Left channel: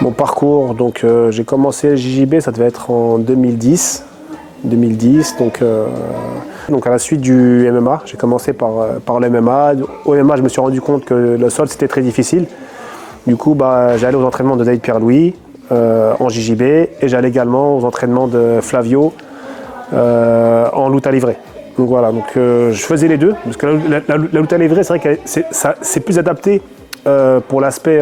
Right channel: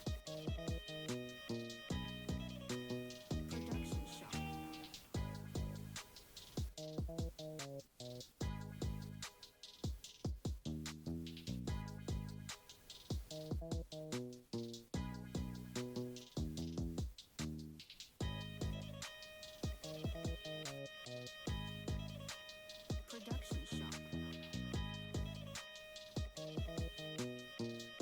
Mon parcours, donc j'ai commencé le JJB, ça devait être en 2010. Donc à la suite du MMA, j'ai commencé par le MMA. Au MMA, je me suis rendu compte que le sol c'était très difficile. Du coup, j'allais aux entraînements de David Pierre-Louis en JJB et j'allais également aux entraînements de Flavio en lutte à livrer. Donc voilà, je faisais les deux, parce que la lutte à livrer, c'est vrai que c'est plus adapté pour l'aspect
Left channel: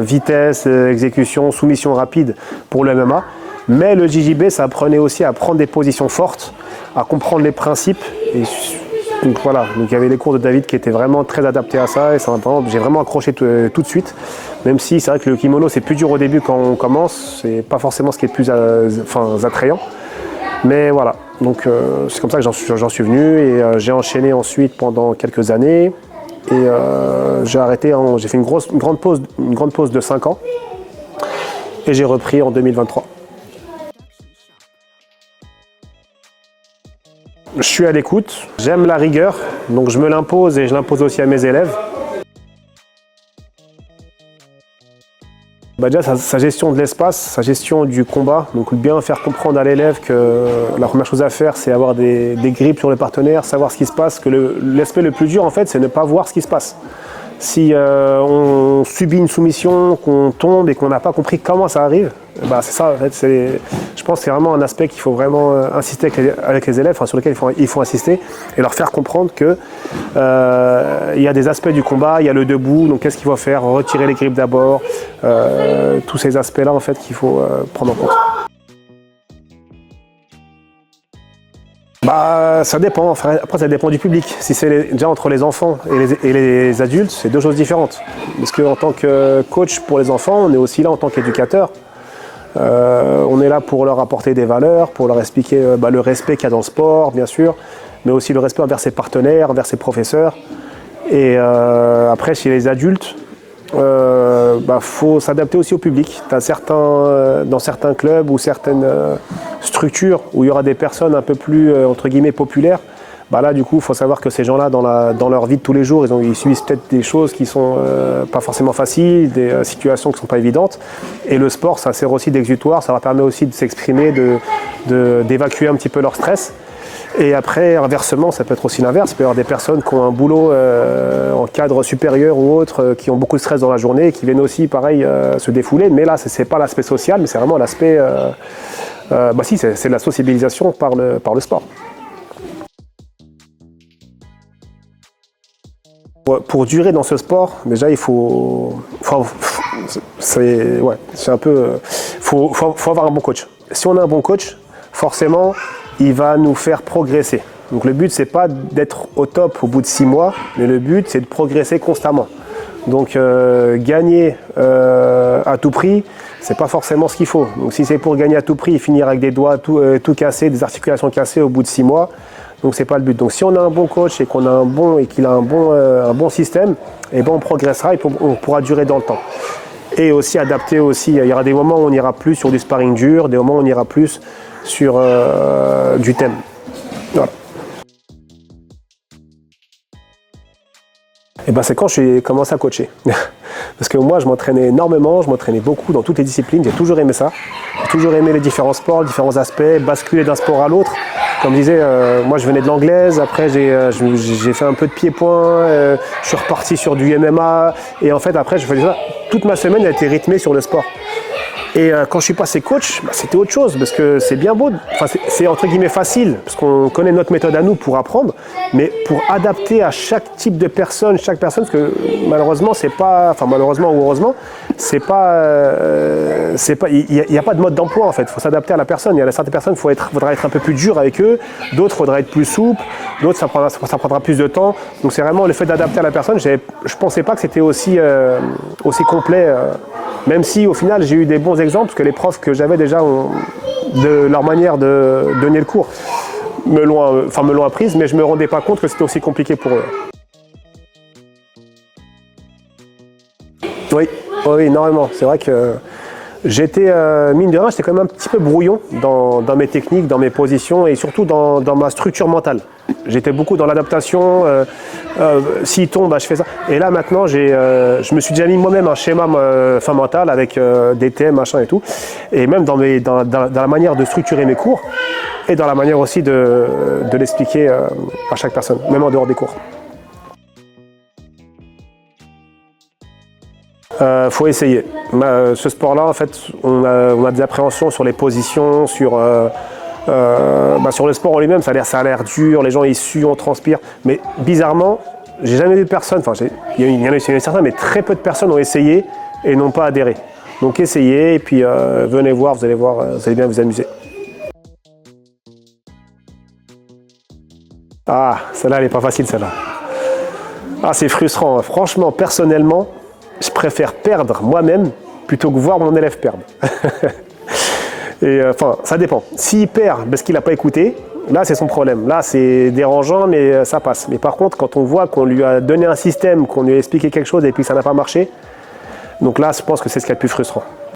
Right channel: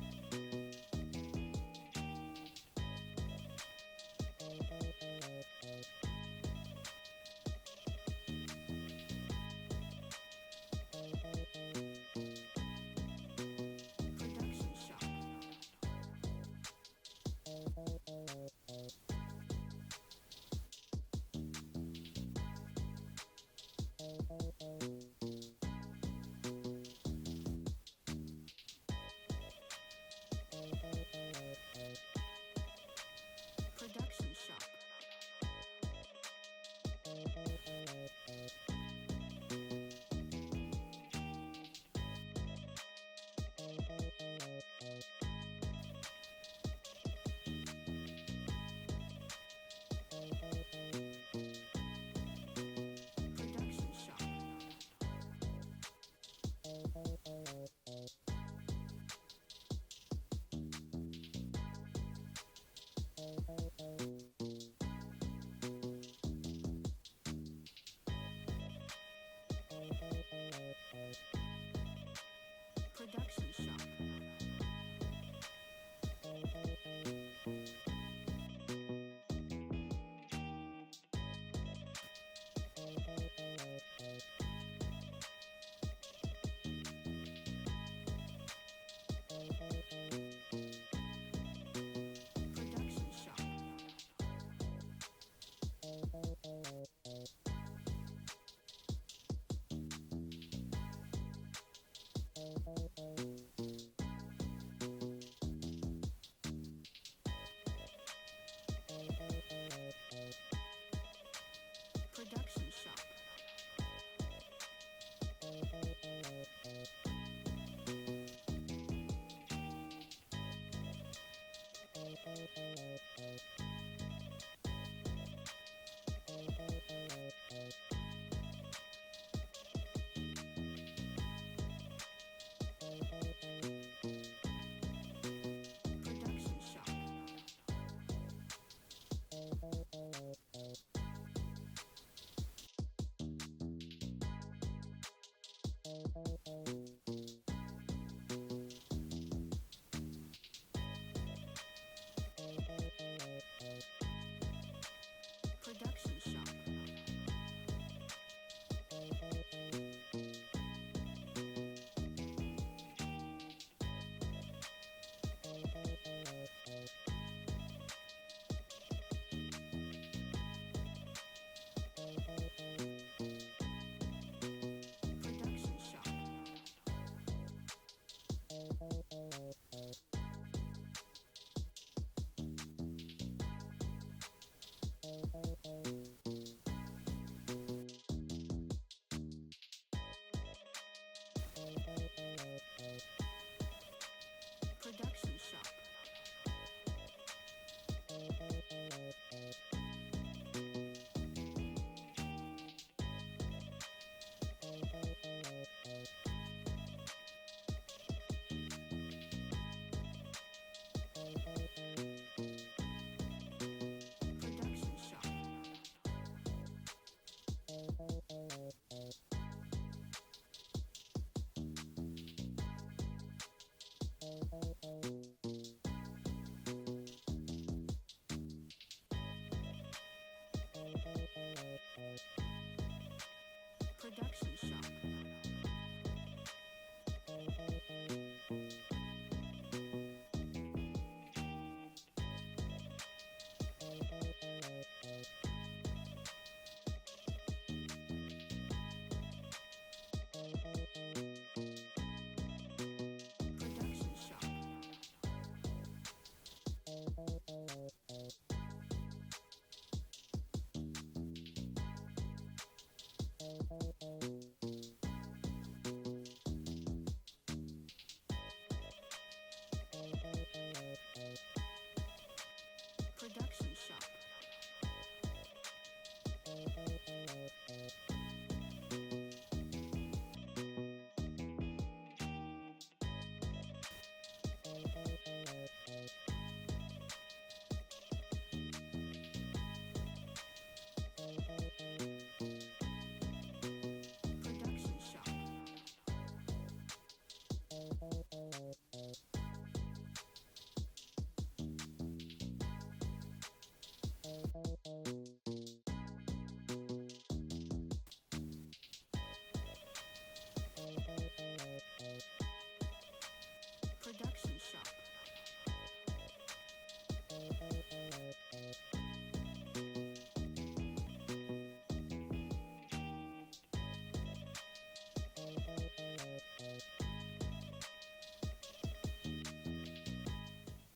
vitesse, exécution, soumission rapide pour le MMA. Mais le JJB, ça apprenait aussi à prendre des positions fortes, à comprendre les principes. Donc voilà, donc il y avait les cours de David qui étaient vraiment très adaptés à ça et j'ai vraiment accroché tout de suite. Même si c'est vrai que le kimono c'est plus dur au début quand on commence, c'est pas forcément ce qui est le plus attrayant. Mais voilà, donc c'est comme ça que j'en suis venu et j'ai enchaîné ensuite pendant quelques années. Et j'ai arrêté, j'ai fait une grande pause de 5 ans et j'ai repris en 2023. Je suis à l'écoute, j'aime la rigueur, donc je me l'impose et je l'impose aussi à mes élèves. Déjà sa gestion de l'espace, sa gestion du combat, donc bien faire comprendre à l'élève que la première chose à faire c'est avoir des grips sur le partenaire, savoir ce qui se passe, que l'aspect le plus dur en fait c'est ne pas voir ce qui se passe. Si on subit une soumission, qu'on tombe et qu'on n'a pas compris comment ça arrive, c'est ça en fait. Je pense que c'est vraiment un aspect qu'il faut vraiment insister avec les élèves, sur lequel il faut insister et leur faire comprendre que il y a des aspects du combat, il y a le debout, donc qu'est-ce qu'il faut faire, retirer les grippes d'abord, tous ces aspects-là en fait qu'il faut prendre en compte. Ça dépend, après ça dépend du public. Si c'est déjà entre les enfants et les adultes, c'est deux choses différentes. Parce qu'en tant que coach pour les enfants, on est aussi là en tant qu'éducateur. On est là pour leur apporter des valeurs, pour leur expliquer le respect qu'il y a dans le sport, bien sûr, mais aussi le respect envers ses partenaires, envers ses professeurs. Et après, chez les adultes, faut s'adapter aussi au public. Dans certains clubs ou certaines structures où il y aura des personnes un peu plus entre guillemets populaires, là du coup il faut savoir que ces gens-là dans leur vie de tous les jours ils subissent peut-être des choses qui sont pas forcément faciles, des situations qui ne sont pas évidentes, et le sport ça sert aussi d'exutoire, ça leur permet aussi de s'exprimer, d'évacuer un petit peu leur stress. Et après, inversement, ça peut être aussi l'inverse. Il peut y avoir des personnes qui ont un boulot en cadre supérieur ou autre, qui ont beaucoup de stress dans la journée et qui viennent aussi, pareil, se défouler. Mais là, ce n'est pas l'aspect social, mais c'est vraiment l'aspect... c'est de la sociabilisation par le sport. Pour durer dans ce sport, déjà, il faut avoir un bon coach. Si on a un bon coach, forcément, il va nous faire progresser. Donc le but, c'est pas d'être au top au bout de 6 mois, mais le but, c'est de progresser constamment. Donc gagner à tout prix, c'est pas forcément ce qu'il faut. Donc si c'est pour gagner à tout prix et finir avec des doigts tout cassés, des articulations cassées au bout de 6 mois, donc c'est pas le but. Donc si on a un bon coach et qu'il a un bon système, on progressera et on pourra durer dans le temps. Et aussi adapter aussi, il y aura des moments où on ira plus sur du sparring dur, des moments où on ira plus sur du thème. Voilà. Et c'est quand j'ai commencé à coacher. Parce que moi, je m'entraînais énormément, je m'entraînais beaucoup dans toutes les disciplines, j'ai toujours aimé ça. J'ai toujours aimé les différents sports, les différents aspects, basculer d'un sport à l'autre. Comme je disais, moi je venais de l'anglaise, après j'ai fait un peu de pied-point, je suis reparti sur du MMA, et en fait après je faisais ça. Toute ma semaine a été rythmée sur le sport. Et quand je suis passé coach, c'était autre chose, parce que c'est bien beau, c'est entre guillemets facile, parce qu'on connaît notre méthode à nous pour apprendre, mais pour adapter à chaque type de personne, parce que malheureusement ou heureusement, il n'y a pas de mode d'emploi en fait, il faut s'adapter à la personne. Il y a certaines personnes, il faudra être un peu plus dur avec eux, d'autres, il faudra être plus souple, d'autres, ça prendra plus de temps. Donc c'est vraiment le fait d'adapter à la personne. Je ne pensais pas que c'était aussi complet. Même si au final j'ai eu des bons exemples, parce que les profs que j'avais déjà de leur manière de donner le cours me l'ont apprise, mais je ne me rendais pas compte que c'était aussi compliqué pour eux. Oui, énormément. C'est vrai que J'étais, mine de rien, j'étais quand même un petit peu brouillon dans mes techniques, dans mes positions et surtout dans ma structure mentale. J'étais beaucoup dans l'adaptation, s'il tombe, bah, je fais ça. Et là maintenant, je me suis déjà mis moi-même un schéma mental avec des thèmes, machin et tout. Et même dans la manière de structurer mes cours et dans la manière aussi de l'expliquer à chaque personne, même en dehors des cours. Faut essayer. Ce sport-là, en fait, on a des appréhensions sur les positions, sur le sport en lui-même. Ça a l'air dur, les gens ils suent, on transpire. Mais bizarrement, j'ai jamais vu de personne. Enfin, il y en a certains, mais très peu de personnes ont essayé et n'ont pas adhéré. Donc essayez et puis venez voir, vous allez bien vous amuser. Ah, celle-là, elle n'est pas facile, celle-là. Ah, c'est frustrant. Franchement, personnellement, je préfère perdre moi-même plutôt que voir mon élève perdre. Et ça dépend. S'il perd parce qu'il n'a pas écouté, là c'est son problème. Là c'est dérangeant mais ça passe. Mais par contre quand on voit qu'on lui a donné un système, qu'on lui a expliqué quelque chose et puis ça n'a pas marché, donc là je pense que c'est ce qui est le plus frustrant.